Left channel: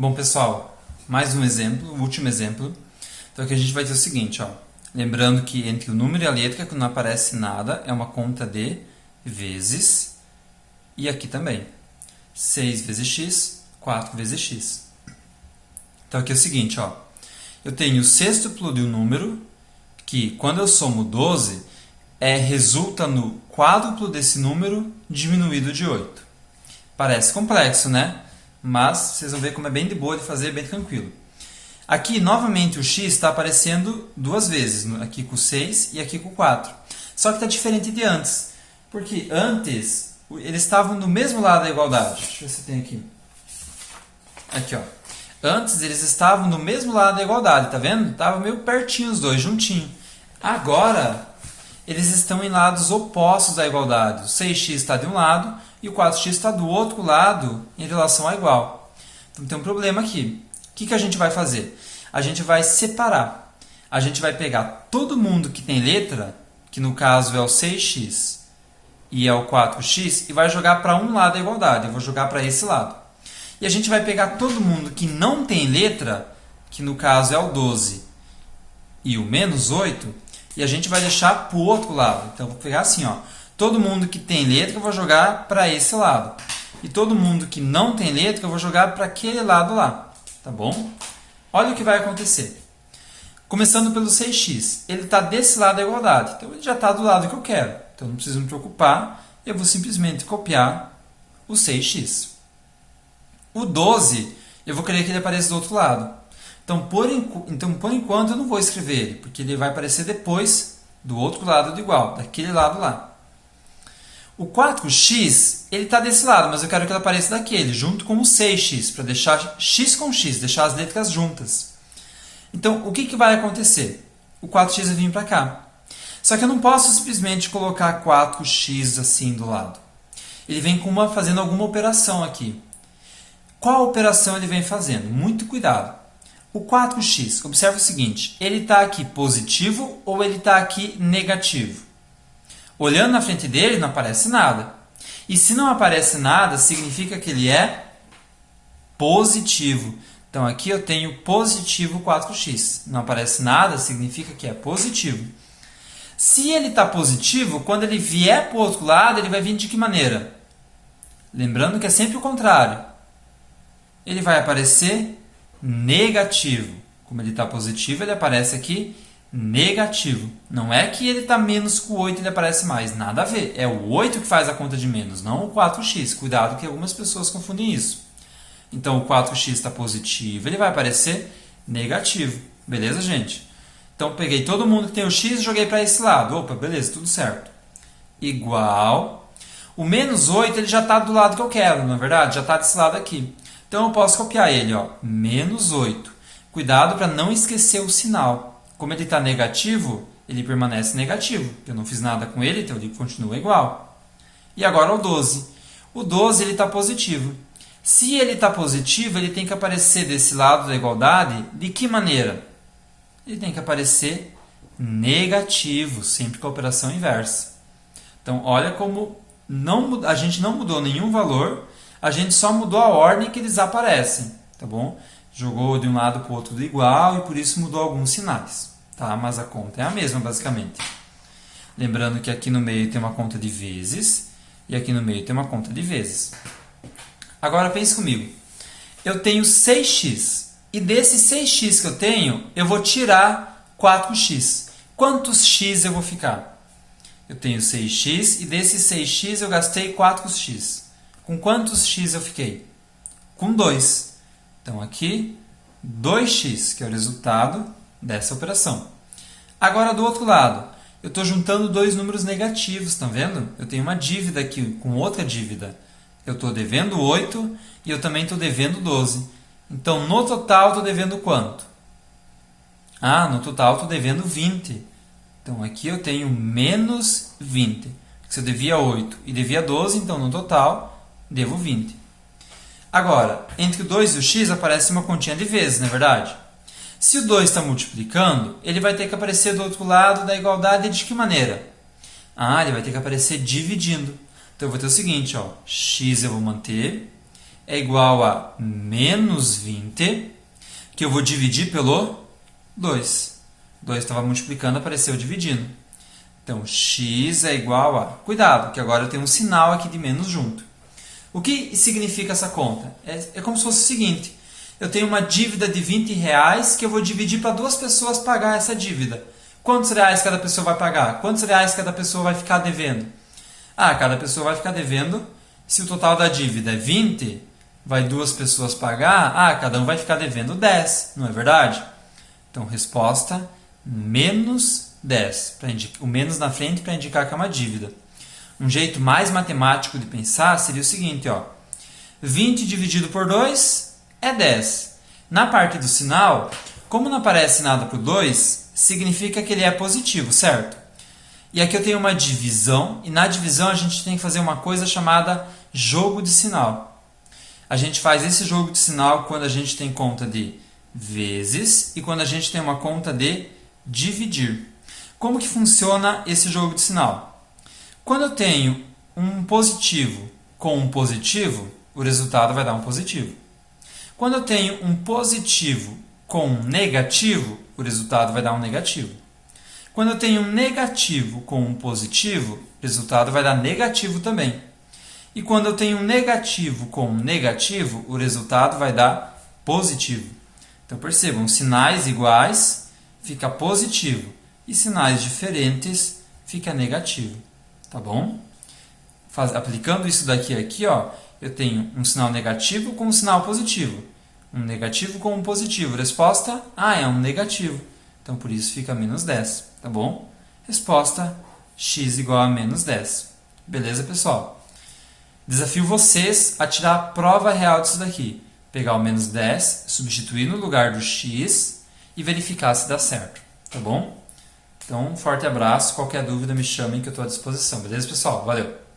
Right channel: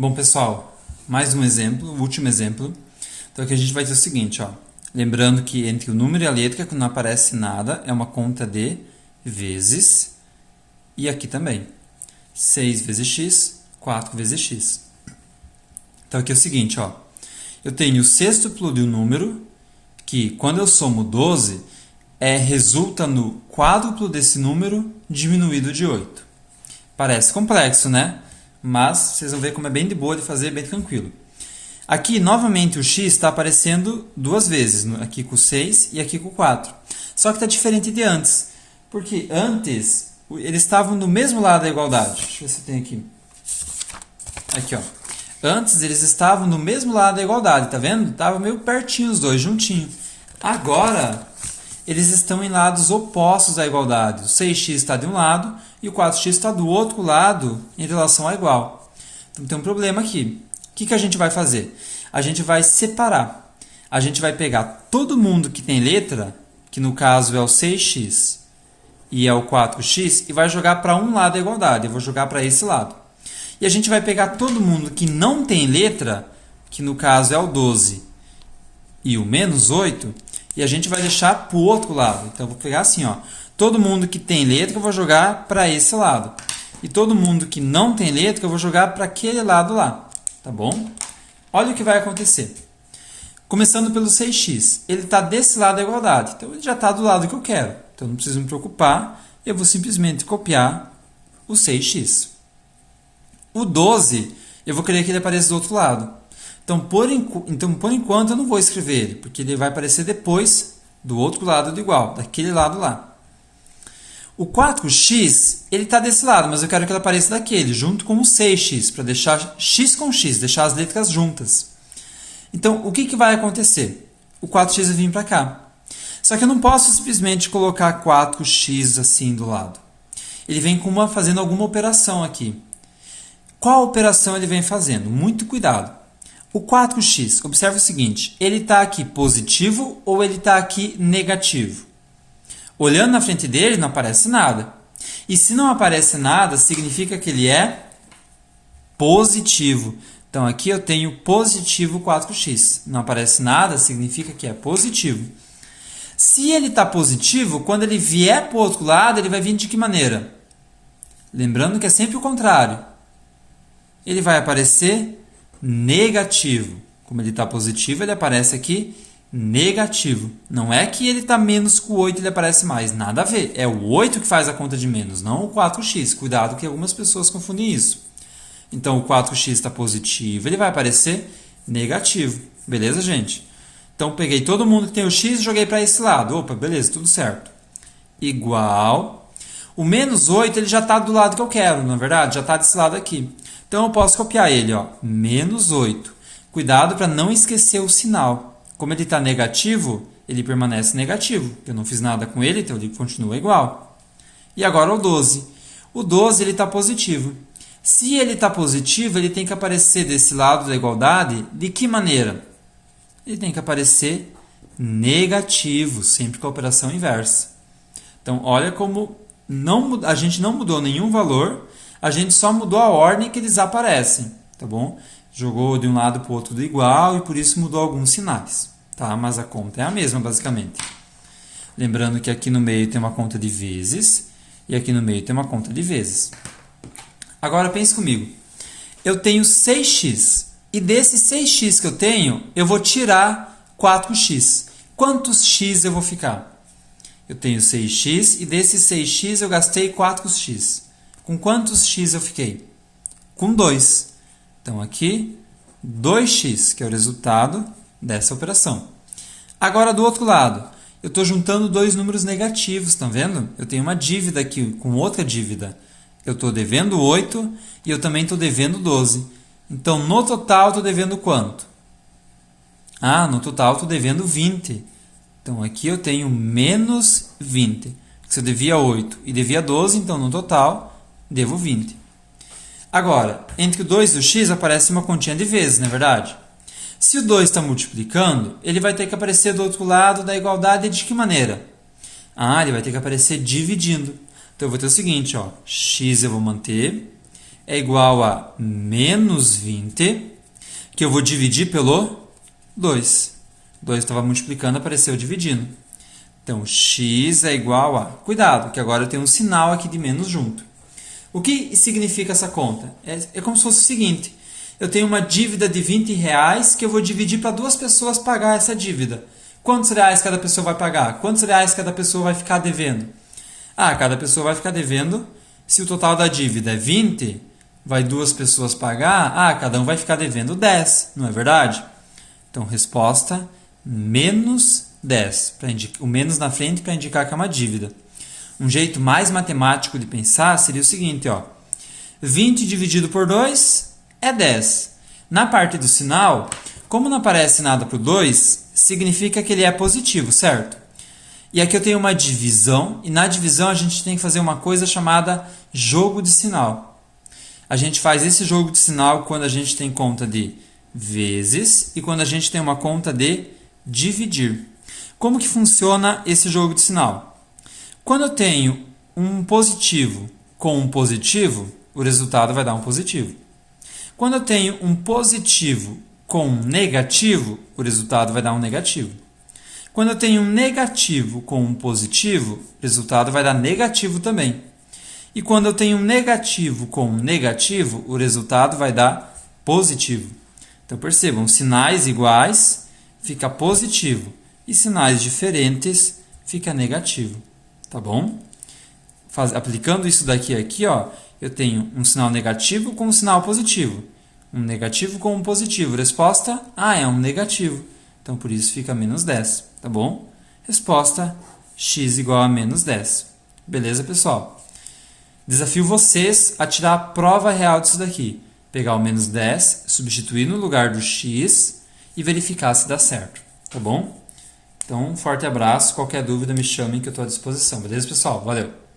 Bom, pessoal, mais um exemplo, o último exemplo. Então aqui a gente vai ter o seguinte, ó. Lembrando que entre o número e a letra, que não aparece nada, é uma conta de vezes. E aqui também. 6 vezes x, 4 vezes x. Então aqui é o seguinte, ó. Eu tenho o sextuplo do número, que quando eu somo 12, resulta no quádruplo desse número diminuído de 8. Parece complexo, né? Mas vocês vão ver como é bem de boa de fazer, bem tranquilo. Aqui, novamente, o x está aparecendo duas vezes, aqui com o 6 e aqui com o 4. Só que está diferente de antes, porque antes eles estavam no mesmo lado da igualdade. Deixa eu ver se tem aqui. Aqui, ó. Antes eles estavam no mesmo lado da igualdade, tá vendo? Estavam meio pertinho os dois, juntinho. Agora, eles estão em lados opostos da igualdade. O 6x está de um lado e o 4x está do outro lado em relação a igual. Então tem um problema aqui. O que a gente vai fazer? A gente vai separar. A gente vai pegar todo mundo que tem letra, que no caso é o 6x e é o 4x, e vai jogar para um lado da igualdade. Eu vou jogar para esse lado. E a gente vai pegar todo mundo que não tem letra, que no caso é o 12 e o menos 8, e a gente vai deixar para o outro lado. Então, eu vou pegar assim, ó. Todo mundo que tem letra, eu vou jogar para esse lado. E todo mundo que não tem letra, eu vou jogar para aquele lado lá. Tá bom? Olha o que vai acontecer. Começando pelo 6x. Ele está desse lado da igualdade. Então, ele já está do lado que eu quero. Então, não preciso me preocupar. Eu vou simplesmente copiar o 6x. O 12, eu vou querer que ele apareça do outro lado. Então, por enquanto, eu não vou escrever ele, porque ele vai aparecer depois do outro lado do igual, daquele lado lá. O 4x, ele está desse lado, mas eu quero que ele apareça daquele, junto com o 6x, para deixar x com x, deixar as letras juntas. Então, o que vai acontecer? O 4x vai vir para cá. Só que eu não posso simplesmente colocar 4x assim do lado. Ele vem fazendo alguma operação aqui. Qual operação ele vem fazendo? Muito cuidado. O 4x, observa o seguinte, ele está aqui positivo ou ele está aqui negativo? Olhando na frente dele, não aparece nada. E se não aparece nada, significa que ele é positivo. Então, aqui eu tenho positivo 4x. Não aparece nada, significa que é positivo. Se ele está positivo, quando ele vier para o outro lado, ele vai vir de que maneira? Lembrando que é sempre o contrário. Ele vai aparecer negativo. Como ele está positivo, ele aparece aqui negativo. Não é que ele está menos que o 8 e ele aparece mais. Nada a ver. É o 8 que faz a conta de menos, não o 4x. Cuidado que algumas pessoas confundem isso. Então, o 4x está positivo, ele vai aparecer negativo. Beleza, gente? Então, peguei todo mundo que tem o x e joguei para esse lado. Opa, beleza, tudo certo. Igual. O menos 8 ele já está do lado que eu quero, não é verdade? Já está desse lado aqui. Então, eu posso copiar ele, ó, menos 8. Cuidado para não esquecer o sinal. Como ele está negativo, ele permanece negativo. Eu não fiz nada com ele, então ele continua igual. E agora o 12. O 12 está positivo. Se ele está positivo, ele tem que aparecer desse lado da igualdade de que maneira? Ele tem que aparecer negativo, sempre com a operação inversa. Então, olha como a gente não mudou nenhum valor, a gente só mudou a ordem que eles aparecem, tá bom? Jogou de um lado para o outro do igual e por isso mudou alguns sinais, tá? Mas a conta é a mesma, basicamente. Lembrando que aqui no meio tem uma conta de vezes e aqui no meio tem uma conta de vezes. Agora pense comigo. Eu tenho 6x e desse 6x que eu tenho, eu vou tirar 4x. Quantos x eu vou ficar? Eu tenho 6x e desse 6x eu gastei 4x. Com quantos x eu fiquei? Com 2. Então, aqui, 2x, que é o resultado dessa operação. Agora, do outro lado, eu estou juntando dois números negativos, estão vendo? Eu tenho uma dívida aqui com outra dívida. Eu estou devendo 8 e eu também estou devendo 12. Então, no total, estou devendo quanto? No total, estou devendo 20. Então, aqui eu tenho menos 20. Se eu devia 8 e devia 12, então, no total, devo 20. Agora, entre o 2 e o x aparece uma continha de vezes, não é verdade? Se o 2 está multiplicando, ele vai ter que aparecer do outro lado da igualdade de que maneira? Ele vai ter que aparecer dividindo. Então, eu vou ter o seguinte, ó, x eu vou manter, é igual a menos 20, que eu vou dividir pelo 2. 2 estava multiplicando, apareceu dividindo. Então, x é igual a... Cuidado, que agora eu tenho um sinal aqui de menos junto. O que significa essa conta? É como se fosse o seguinte. Eu tenho uma dívida de R$20 que eu vou dividir para 2 pessoas pagar essa dívida. Quantos reais cada pessoa vai pagar? Quantos reais cada pessoa vai ficar devendo? Cada pessoa vai ficar devendo. Se o total da dívida é 20, vai 2 pessoas pagar. Cada um vai ficar devendo 10, não é verdade? Então, resposta menos 10. O menos na frente para indicar que é uma dívida. Um jeito mais matemático de pensar seria o seguinte, 20 dividido por 2 é 10. Na parte do sinal, como não aparece nada por 2, significa que ele é positivo, certo? E aqui eu tenho uma divisão, e na divisão a gente tem que fazer uma coisa chamada jogo de sinal. A gente faz esse jogo de sinal quando a gente tem conta de vezes e quando a gente tem uma conta de dividir. Como que funciona esse jogo de sinal? Quando eu tenho um positivo com um positivo, o resultado vai dar um positivo. Quando eu tenho um positivo com um negativo, o resultado vai dar um negativo. Quando eu tenho um negativo com um positivo, o resultado vai dar negativo também. E quando eu tenho um negativo com um negativo, o resultado vai dar positivo. Então percebam, sinais iguais fica positivo e sinais diferentes fica negativo. Tá bom? Aplicando isso daqui aqui, eu tenho um sinal negativo com um sinal positivo. Um negativo com um positivo. Resposta, é um negativo. Então, por isso fica menos 10. Tá bom? Resposta, x igual a menos 10. Beleza, pessoal? Desafio vocês a tirar a prova real disso daqui. Pegar o menos 10, substituir no lugar do x e verificar se dá certo. Tá bom? Então, um forte abraço. Qualquer dúvida, me chamem que eu estou à disposição. Beleza, pessoal? Valeu!